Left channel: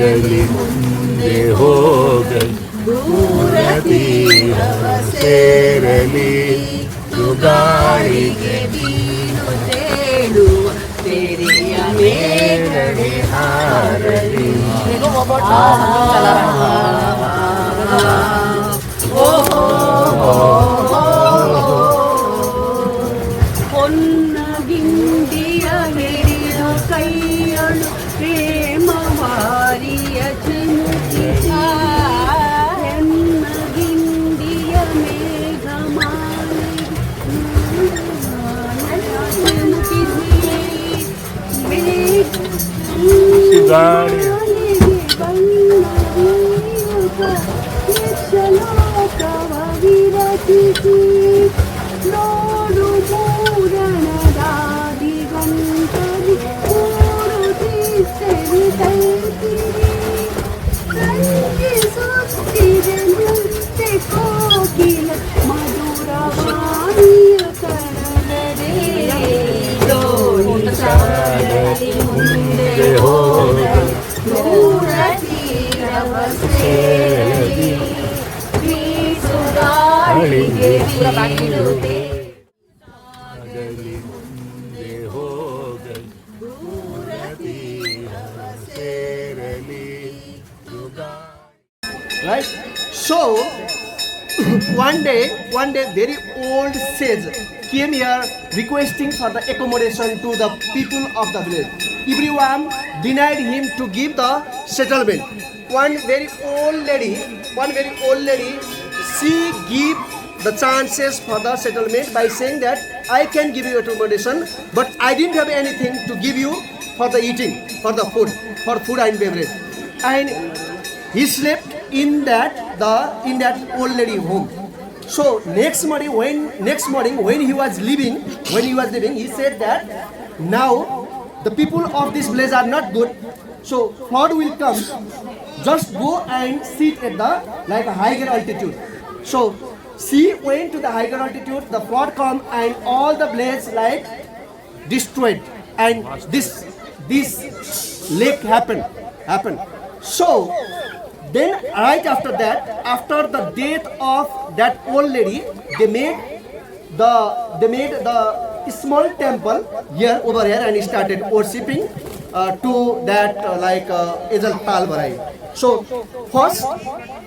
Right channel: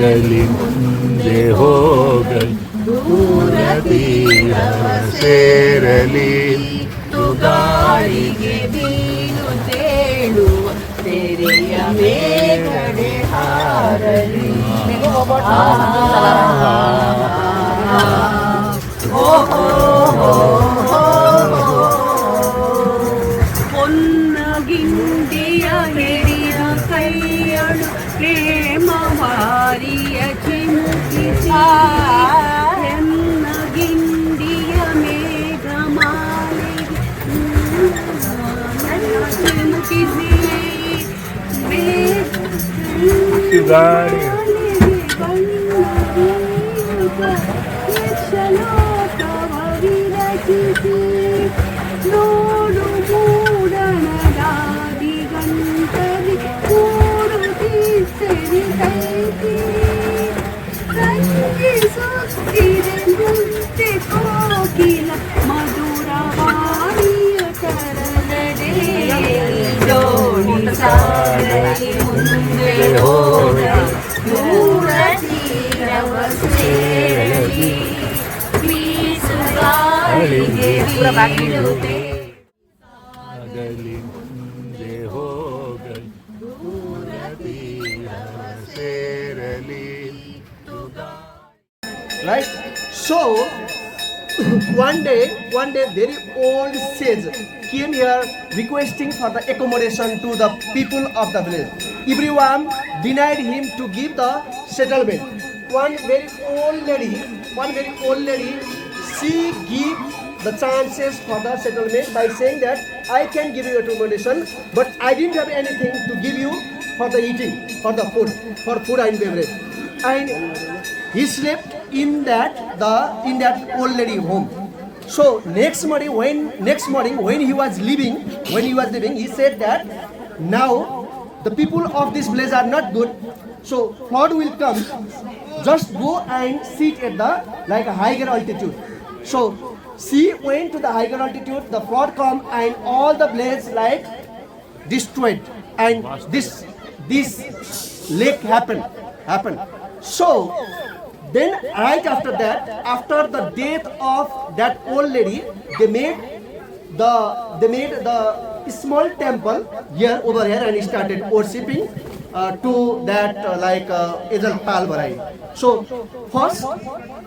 गली ಮುಂದೆ ಹೋಗಲಿ ದೂರ ತೀರ ಸೇರಲಿ ತುಗಾರಿಗೆ ನೀನು ತೇಡುವ ತೆರೆಯ ಮೇಗಡೆ ಹಾರಲಿ പൊന്നകിണ്ടിയ എരിയ കയ്യണു പ്രേമവാരിയ ചിന്തിച്ച എന്നകിണ്ടിയ മേഘമാലി ನೋಡು ಮೂಡಣದಾದಿ ಗಂಟಲಿ ಕೂಡು ತೀಸರಿ ತೈತಿ ರಂಜಿಸುತ್ತಿದೆ ನೃತ್ಯ ಕೋಕಿಲ ಮಧುರವಾಣಿಯ ಕರನಡೆ ದೋಣಿ ಸಾಗಲಿ ಮುಂದೆ ಹೋಗಲಿ ದೂರ ತೀರವ ಸೇರಲಿ ಬೀಸುಗಾಳಿಗೆ ಬೀಳುತ್ತೆ ಗಲಿ ಮುಂದೆ ಹೋಗಲಿ ದೂರ ತೀರ ಸೇರಲಿ Right? So, one day, very old sage came here requesting for the accommodation to the people of the village. Everyone denied him to give the settlement. One very old lady, she gave the chances for the settlement by saying that I can give you accommodation, but I didn't have anything to give you for the eating, for food and beverage. And he slept in that old lady home. So next morning when he was leaving, he said that now the people of this village are not good. So flood will come. Just go and sit at the higher altitude. So she went to the higher altitude. The flood come and all the villages destroyed, and this lake happened. So then right after that, after the death of that old lady, they made the small temple over here and started worshipping to that Ejal Tal Barai. So first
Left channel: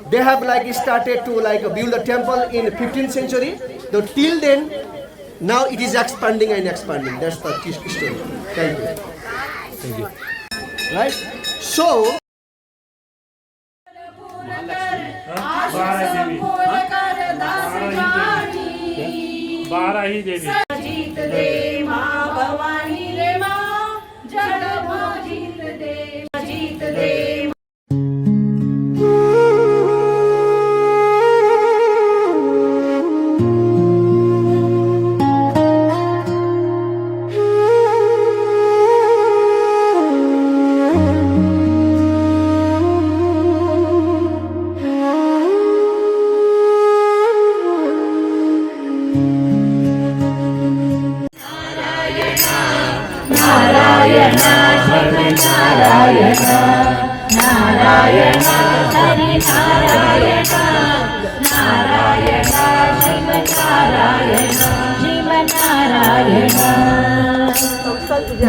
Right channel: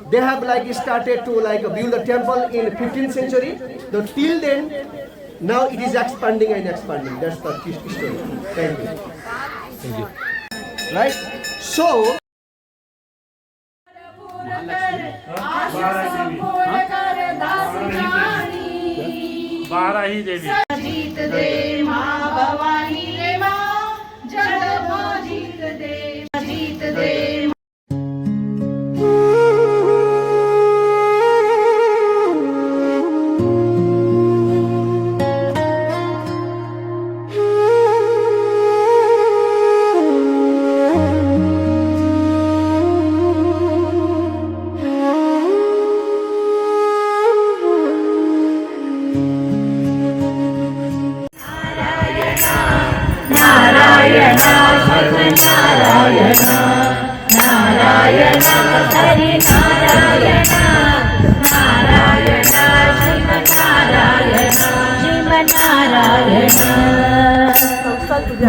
they have started to build a temple in 15th century. Till then, now it is expanding. That's the story. Thank you. Right? So Barahi देवी जीत दे माँ भवानी रे माँ जग जीत दे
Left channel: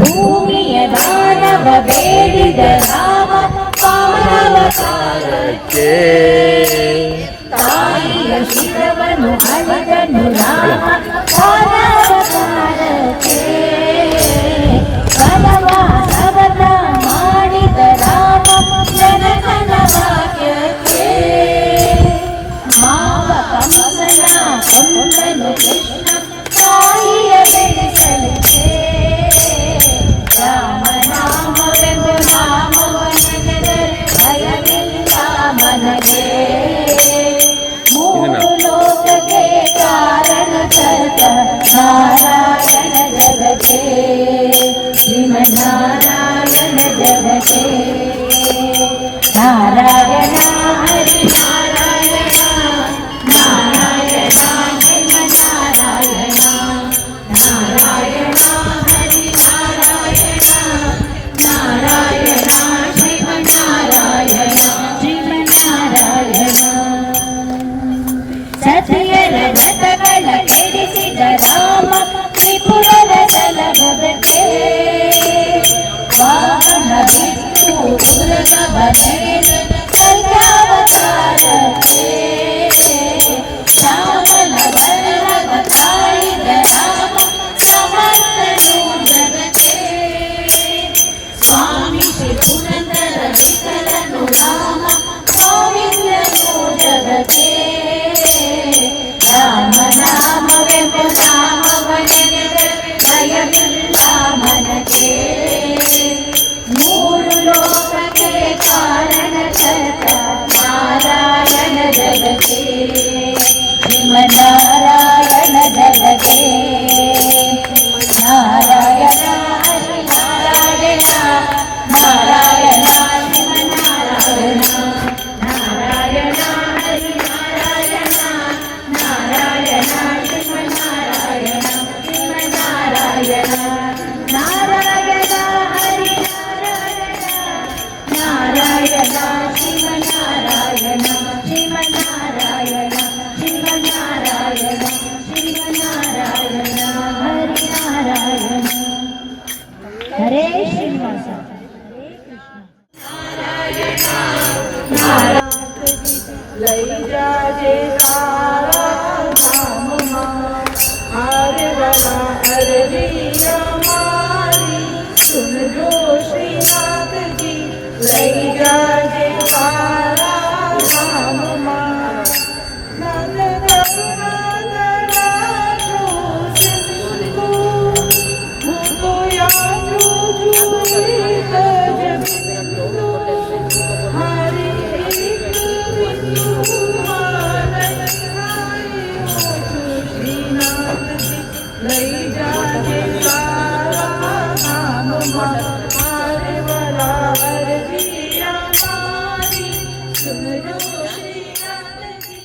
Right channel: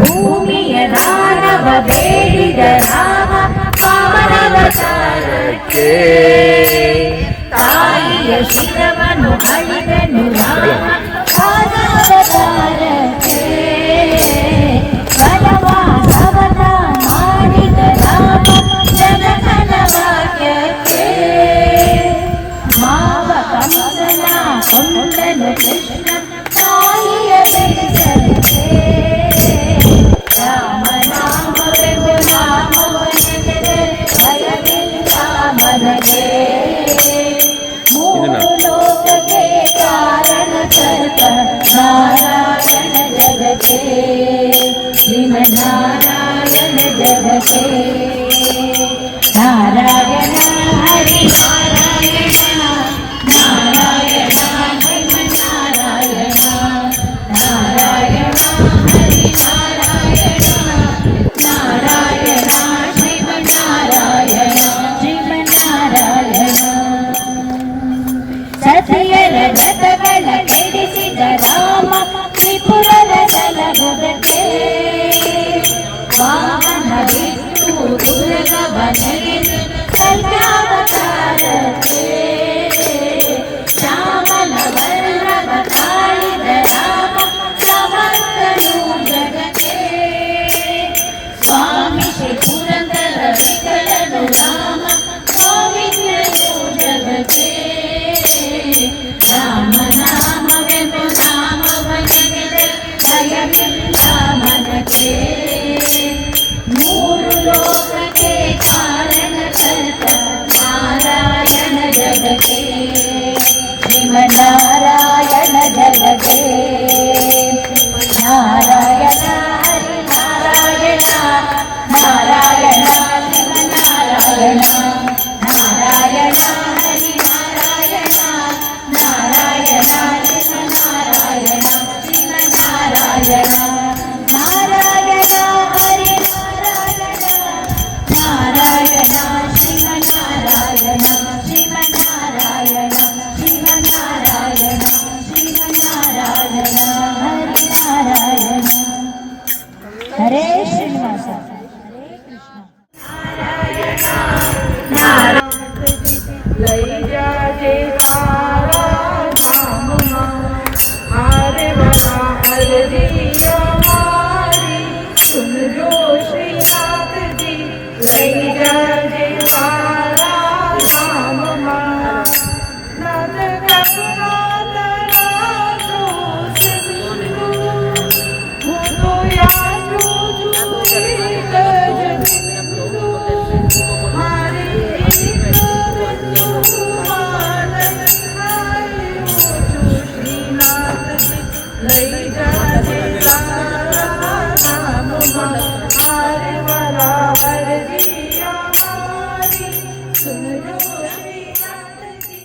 ಭೂಮಿಯ ದಾನವ ಬೇಡಿದ ರಾಮ ಪಾವನವತಾರಕ್ಕೆ ತಾಯಿಯ ಶಿರವನ್ನು ಹರಿದನು ರಾಮ ಪಾವನವತಾರಕ್ಕೆ ಪರಮಾನವನ ಮಾಡಿದ ರಾಮ ಜನಕನ ವಾಕ್ಯಕ್ಕೆ ಮಾವ ಕಂಸನ ಕೊಂದನು ಕೃಷ್ಣ ತಾಯಿಯ ಬೆಳೆಸಲಿಕ್ಕೆ ರಾಮನಾಮವೆಂದು ನಾಮವನೆದರೆ ಭಯವಿಲ್ಲ ಮನಗೆ ಮೂರು ಲೋಕಕ್ಕೆ ಕಾರಣ बनले कल्यावतारते श्यामल वल्लभ काळिद राम समर्थनु जगते स्वामी श्री पुरंदर विठ्ठलनु राम गोविंदनु जगते राम नाम वेमु नाम भजने भयमिಲ್ಲ मनके ಮೂರು ಲೋಕಕ್ಕೆ ಕಾರಣ ಕರ್ತ ನಾರಾಯಣ ಜಗಕ್ಕೆ ಶ್ರೀಮನ್ನಾರಾಯಣ ಜಗಕ್ಕೆ ನಾರಾಯಣ ಹರಿ ನಾರಾಯಣ ನಾರಾಯಣ ಶ್ರೀಮನ್ನಾರಾಯಣ ನಾರಾಯಣ ಹರಿ ನಾರಾಯಣ ನಾರಾಯಣ ಶ್ರೀಮನ್ನಾರಾಯಣ ಶ್ರೀಮನ್ನಾರಾಯಣ ನಾರಾಯಣ ಹರಿ ನಾರಾಯಣ ಶ್ರೀಮನ್ನಾರಾಯಣ ಶ್ರೀಮನ್ನಾರಾಯಣ ಶ್ರೀಮನ್ನಾರಾಯಣ ಶ್ರೀಮನ್ನಾರಾಯಣ ಹರಿ ನಾರಾಯಣ ಹರೇ ಶ್ರೀನಿವಾಸ લઈ જાજે તારા ધામમાં હારવાના અરજી અમારી સુનજો શ્રીનાથજી લઈ જાજે તારા ધામમાં નંદ કરુણાદરાનો સિંધુ હું તો યાદું જોઈ જગતનો હારી લઈ જાજે તારા ધામમાં હારવાના અરજી અમારી સુનજો શ્રીનાથજી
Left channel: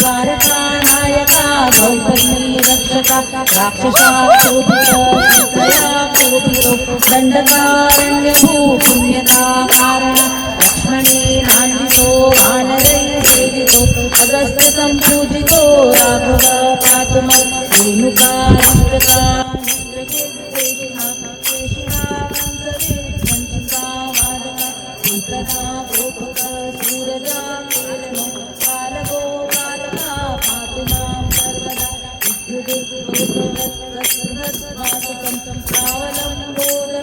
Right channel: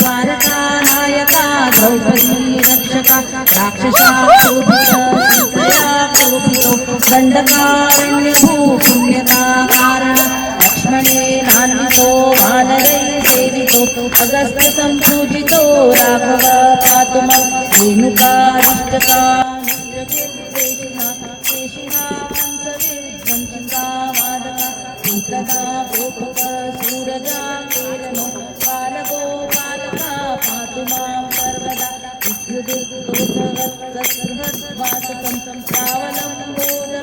द्वारकानायका द्रौपदी रक्षका राक्षसाशोभितो दण्डकारण्यभू पुण्यता कारण लक्ष्मणेनान्वितो वानरैः सेवितो अगस्त्य सम्पूजितो राघव पातु मां रेणुकारिष्टका सूरजा केरनो कालगो कालका पातु मां सर्वदा विद्युदुत्तोषवत्सुहृद्वासकं प्रावलम्बोद